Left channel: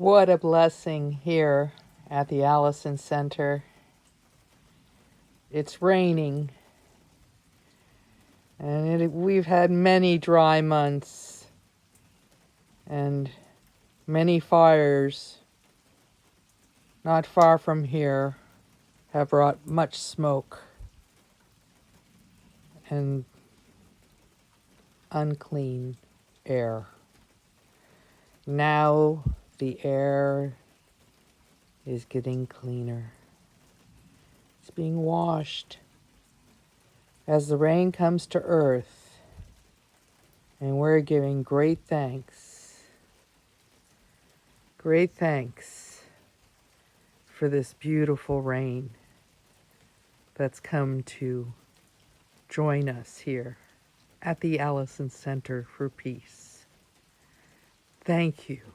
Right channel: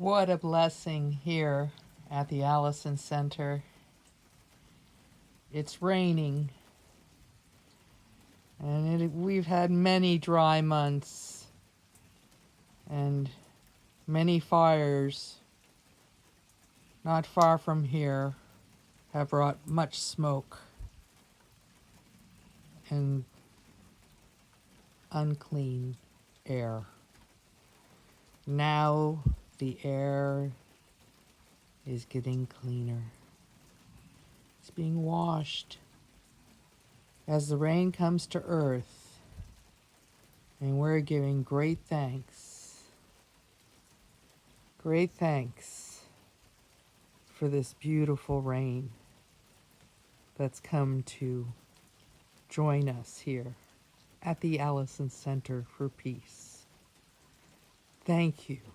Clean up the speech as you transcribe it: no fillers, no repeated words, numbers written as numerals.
What a blessing here at the Allison Center. It's raining, and we've had many dry months and many fires not far from here have brought much smoke and unclean air. Now the air is getting cleaner. It's being washed as the rain comes to earth, and we're giving great thanks. Great thanks for this beautiful rain that's come to join us here at the Allison Center for Peace. Thank you.